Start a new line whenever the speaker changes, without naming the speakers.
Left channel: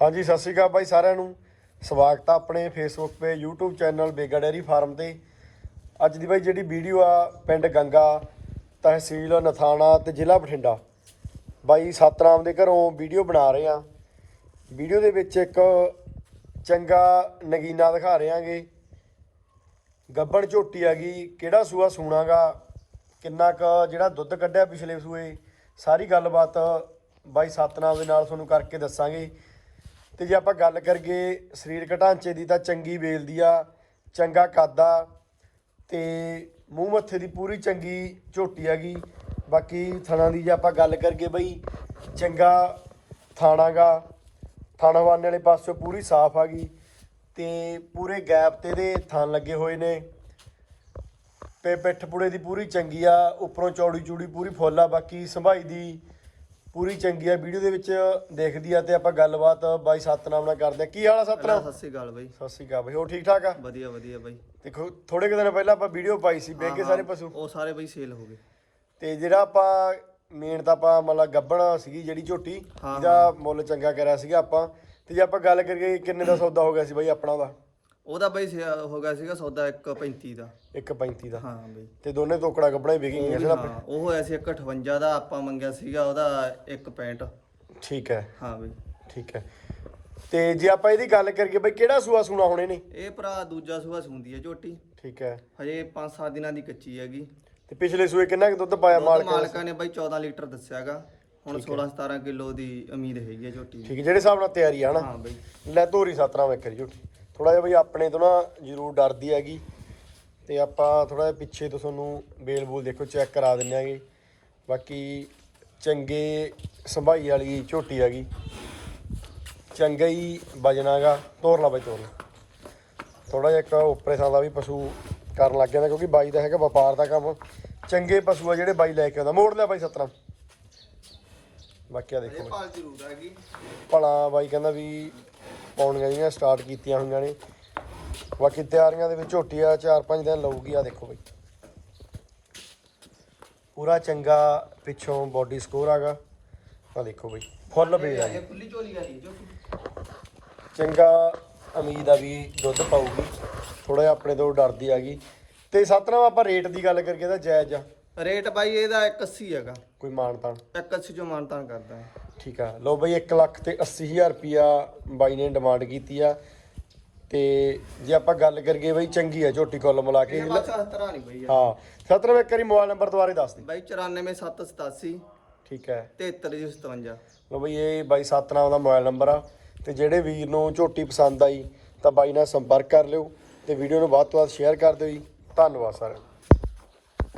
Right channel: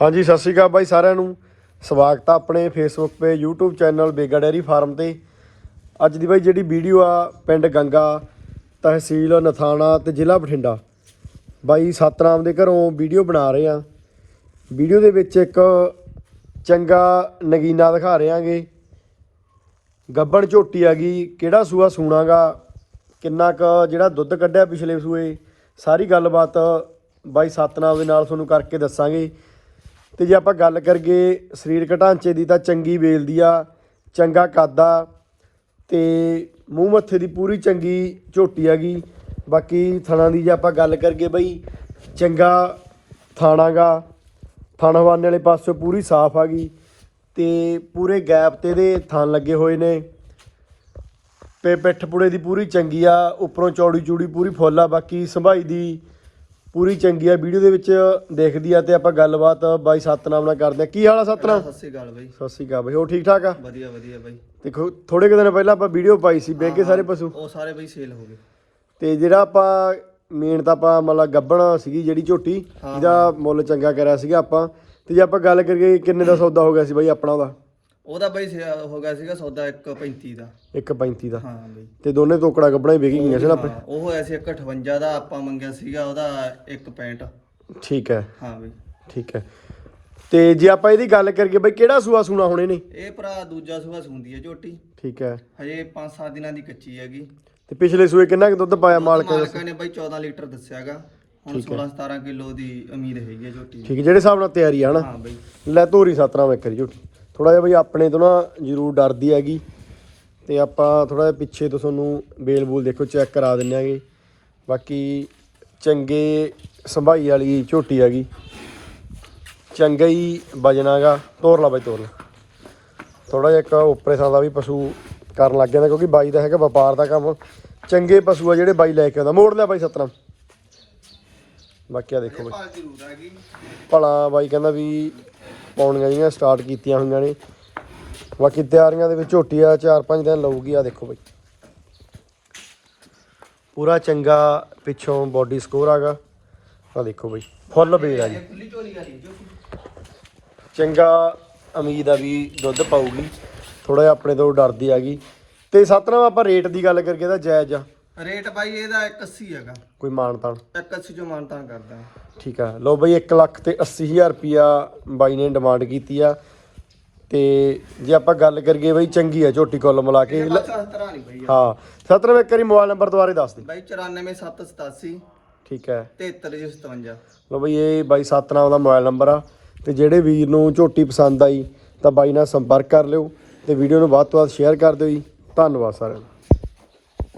ਹਾਂਜੀ, ਸਤਿ ਸ਼੍ਰੀ ਅਕਾਲ ਬਾਈ ਸਾਰਿਆਂ ਨੂੰ। ਸਵਾਗਤ ਆ ਆਪਣੇ ਫੇਸਬੁੱਕ ਤੇ, YouTube channel Bega dairy farm ਤੇ। ਅੱਜ ਦੀ ਬਾਈ ਜਿਹੜੀ ਵੀਡੀਓ ਆ, ਪਿੰਡ ਗੰਗਾ, ਤਹਿਸੀਲ ਨਥਾਣਾ ਤੇ ਜ਼ਿਲ੍ਹਾ ਬਠਿੰਡਾ। ਬਾਈ ਸਤਨਾਮ ਦੇ ਘਰੋਂ ਵੀਡੀਓ ਬਣਾ ਰਹੇ ਆ। ਵੀਡੀਓ ਦੇ ਵਿੱਚ ਇੱਕ ਚੰਗਾ ਨਗੀਨਾ ਦਿਖਾ ਰਹੇ ਆਂਗੇ। ਗੱਬਣ ਝੋਟੀ ਆ ਗਈ, ਕਿਹੜਾ ਸੂਆ ਸੂਣਾਗਾ, ਕਿੰਨਾ ਕ ਜਿਹੜਾ ਦੁੱਧ ਕੱਢਿਆ ਪਿਛਲੇ ਸੂਏ, ਸਾਰੀ ਗੱਲਬਾਤ ਬਾਈ ਸਤਨਾਮ ਦੇ ਨਾਲ ਤੁਹਾਨੂੰ ਕਰਕੇ ਦੱਸਾਂਗੇ। ਤੇ ਜੇ ਆਪਾਂ ਗੱਲ ਕਰੀਏ ਸਰੀਰਕ ਢਾਂਚੇ ਦੀ ਤਾਂ ਚੰਗੀ ਵੇਲਦੀ ਆ, ਚੰਗਾ ਕੱਦ ਆ ਤੇ ਮੂੰਹ ਮੱਥੇ ਦੀ ਪੂਰੀ ਚੰਗੀ ਝੋਟੀ ਹੈਗੀ ਬਾਕੀ ਥਣਾ ਦੀ ਜੇ ਆਪਾਂ ਗੱਲ ਕਰੀਏ ਬਈ, ਚੰਗਾ ਥਾਣਾਗਾ ਥਾਣਾਵਾਨੇ ਵਾਲੇ ਪਾਸੋਂ ਪੂਰੀ ਸਾਫ਼ ਆ ਗਈ ਤੇ ਪੂਰੇ ਗੈਪ ਤੇ ਦੇ ਥਣ ਲੱਗੇ ਹੋਏ ਨੇ। ਪੇ ਪਿੱਠ ਪੁੜੇ ਦੀ ਪੂਰੀ ਚੰਗੀ ਆ, ਉੱਪਰੋਂ ਚੌੜੀ ਚੂੜੀ ਪੂਰੀ ਫੁੱਲ ਆ, ਬਾਕੀ ਸੰਭਾਈ ਦੀ ਪੂਰੀ ਚੰਗੀ ਆ ਵੀਡੀਓ ਦੇ ਵਿੱਚ ਦੇਖਦੀ ਆ ਤੇ ਆਪਾਂ ਗੱਲਬਾਤ ਬਾਈ ਸਤਨਾਮ ਨਾਲ ਕਰਦੇ ਆ। ਕੀ ਹਾਲ ਆ ਸਤਨਾਮ?
ਸਤਿ ਸ਼੍ਰੀ ਅਕਾਲ ਬਾਈ।
ਸਤਿ ਸ਼੍ਰੀ ਅਕਾਲ ਬਈ ਹੋ ਠੀਕ ਠਾਕ ਆ?
ਵਧੀਆ ਵਧੀਆ ਬਾਈ।
ਦੇਖੋ ਥੋੜੇ ਕੁ ਦਿਨ ਪਹਿਲਾਂ ਆਪਾਂ ਵੀਡੀਓ ਪਾਈ ਸੀ ਬੇਗੇ ਸਾਰੇ ਪਸ਼ੂ।
ਉਹ ਸਾਰੇ ਬਾਈ ਸੇਲ ਹੋ ਗਏ।
ਤੇ ਜਿਹੜਾ ਆਪਾਂ ਮੇਨ ਤਾਂ ਆਪਾਂ ਮਤਲਬ ਗੱਬਣ ਸੀਗੀ ਜਿਹੜੀ ਝੋਟੀ ਇਹਦਾ ਮੁੱਲ ਚੰਗਾ ਕਰਿਆ ਸੀਗਾ ਆਪਾਂ। ਤੇ ਜੇ ਆਪਾਂ ਗੱਲ ਕਰੀਏ ਕਿੰਨੇ ਦਾ ਸੌਦਾ ਹੋ ਗਿਆ ਸੀ ਬਾਈ ਆਪਣਾ ਉਹਦਾ?
ਉਹਦਾ ਬਾਈ ਹੋ ਗਿਆ ਸੀਗਾ ਸੌਦਾ 1.35 ਦਾ।
1.35 ਦਾ।
ਹਾਂ ਬਾਈ।
ਤੇ ਦੋਨੇ ਤੋਕੜਾ ਗੱਬਣਾ ਹੀ ਵੇਗੀ ਗਈਆਂ ਸੀ ਨਾ
ਹਾਂ, ਉਹ ਹੋਇਆ ਸੀ 1.58 ਦਾ ਆਪਾਂ ਮੰਗਿਆ ਸੀਗਾ ਉਹਦਾ 1.65
ਠੀਕ ਹੈ।
ਹਾਂ ਬਾਈ।
ਠੀਕ ਹੈ। ਤੇ ਜੇ ਆਪਾਂ ਇਹਦੀ ਗੱਲ ਕਰੀਏ ਬਈ ਕਿਹੜਾ ਸੂਆ ਸੂਣਾ ਹੁਣ ਇਹਨੇ
ਇਹ ਭਰਾ ਦੂਜਾ ਸੁਭਾ ਸੁੰਦੀ ਹੈ ਝੋਟੀ।
ਠੀਕ ਹੈ।
ਹਜੇ 5-7 ਦਿਨਾਂ ਦੀ ਕੱਚੀ ਹੈਗੀ।
ਤੇ ਪਿਛਲੇ ਸੂਏ ਕਿੰਨਾ ਕੁ ਦੁੱਧ ਪਾਇਆ ਮਾਲਕ ਨੇ?
ਮਾਲਕਾਂ ਨੇ ਬਾਈ 14 ਲੀਟਰ ਦੱਸਿਆਗਾ। ਹੁਣ 16-17 ਕਿਲੋ ਦੀ ਉਮੀਦ ਹੈਗੀ ਹੈ ਝੋਟੀ ਦੀ।
ਠੀਕ ਹੈ ਜਿਹੜੇ ਹਿਸਾਬ ਨਾਲ ਤਿਆਰੀ ਆ ਹਨਾ।
ਹਾਂ ਬਾਈ।
ਲੈ ਧੋਰੀ ਸਤਨਾਮ ਇੱਕ ਵਾਰੀ ਝੋਟੀ। ਥੋੜਾ ਜਿਹਾ ਬਈ ਆਪਣੇ ਤੋਂ ਨਾ ਜ਼ਰੂਰ ਡਰਦੀ ਹੈਗੀ ਤੇ ਆਪਾਂ ਥੋੜਾ ਜਿਹਾ ਪਿੱਛੇ ਤੋਂ ਤੁਹਾਨੂੰ ਬੇਲ ਬੂਲ ਦੇਖੋ ਚੈੱਕ ਕਰਾ ਦਿੰਨੇ ਆਗੇ ਬਾਕੀ ਚੰਗੇ ਸੰਭਾਈ ਵਾਲੀ ਝੋਟੀ ਹੈਗੀ। ਚੰਗਾ ਹੀ ਵਜਨਾਗਾ ਤੋਰ ਲਾ ਬਾਈ, ਤੋਰ ਲਾ। ਥੋੜਾ ਜਿਹਾ ਇੱਕ ਉੱਪਰੇ ਥਾਂ ਦਾ ਵੀ ਪਸ਼ੂ ਕਰਨ ਲੱਗ ਜਾਂਦਾ ਕਿਉਂਕਿ ਬਾਈ ਦਾ ਹੈਗਾ ਵਪਾਰ ਦਾ ਕੰਮ। ਚੰਗੇ ਪਸ਼ੂ ਆ ਜਿਹੜੇ ਬਾਈ ਲੈ ਕੇ ਆਉਂਦਾ। ਮੋੜ ਲਿਆ ਬਾਈ ਸਤਨਾਮ। ਬਾਕੀ ਆ ਦੇਖੋ ਬਈ।
ਭਲਾ
ਬਾਈ ਕਹਿੰਦਾ ਵੀ ਪਾਉਣੀਆਂ ਜਿਹੜੀਆਂ ਸਟਾਰਟ ਕੀਤੀਆਂ ਹੋਈਆਂ ਨੇ। ਬਾਕੀ ਤਿਆਰੀਆਂ ਦੇ ਵਿੱਚ ਝੋਟੀ ਆ 4-5 ਦਿਨ ਲਊਗੀ ਆ ਦੇਖੋ ਬਾਈ। ਪੂਰਾ ਚੰਗਾ ਪਿੱਛੋਂ ਬਾਡੀ ਸਕੋਰ ਆਗਾ। ਆ ਦੇਖੋ ਬਈ, ਫੁੱਲ ਬੇੜ ਆ ਜੀ। ਚੰਗਾ ਉਮੀਦ ਆ ਵੀ ਦੁੱਧ ਪਾਊਗੀ। ਥੋੜਾ ਜਿਹਾ ਆਪਣੇ ਤੋਂ ਡਰਦੀ ਆ ਆਗੀ ਤੇ ਸਤਨਾਮ, ਆਪਾਂ ਰੇਟ ਦੀ ਗੱਲ ਕਰਕੇ ਤਾਂ ਜਾਇਜ਼ ਆ।
ਰੇਟ ਬਾਈ ਇਹਦਾ 180 ਹੈਗਾ।
ਕੋਈ ਮਾਣ ਤਾਣ
180 ਜੋ ਮਾਨਤਾਨ ਕਰਦਾ। ਹੈ
ਠੀਕ ਆ। ਲੋ ਬਈ 1 ਲੱਖ ਤੇ 80000 ਰੁਪਿਆ ਬਾਈ ਨੇ ਡਿਮਾਂਡ ਕੀਤੀ ਆ। ਤੇ ਜੇ ਆਪਾਂ ਗੱਲ ਕਰੀਏ ਬਈ ਚੰਗੀ ਆ ਝੋਟੀ ਕੁੱਲ ਮਿਲਾ ਕੇ। ਲ-
ਅੱਛਾ ਤਰ੍ਹਾਂ ਨਹੀਂ ਬਈ।
ਹਾਂ ਸਤਨਾਮ ਇੱਕ ਵਾਰੀ ਮੋਬਾਈਲ ਨੰਬਰ ਦੁਬਾਰੇ ਦੱਸ ਦੇ।
ਬਾਈ 94787
ਠੀਕ ਹੈ।
7357
ਲੋ ਬਈ ਇਹ ਬਾਈ ਸਤਨਾਮ ਦਾ ਮੋਬਾਈਲ ਨੰਬਰ ਆ। ਤੇ ਜਿਹੜੇ ਵੀਰ ਨੂੰ ਝੋਟੀ ਪਸੰਦ ਆਈ ਤਾਂ ਬਾਈ ਨਾਲ ਸੰਪਰਕ ਕਰ ਲਿਓ ਤੇ ਵੀਡੀਓ ਨੂੰ ਵੱਧ ਤੋਂ ਵੱਧ ਸ਼ੇਅਰ ਕਰ ਦਿਓ ਜੀ। ਧੰਨਵਾਦ ਸਾਰਿਆਂ ਦਾ।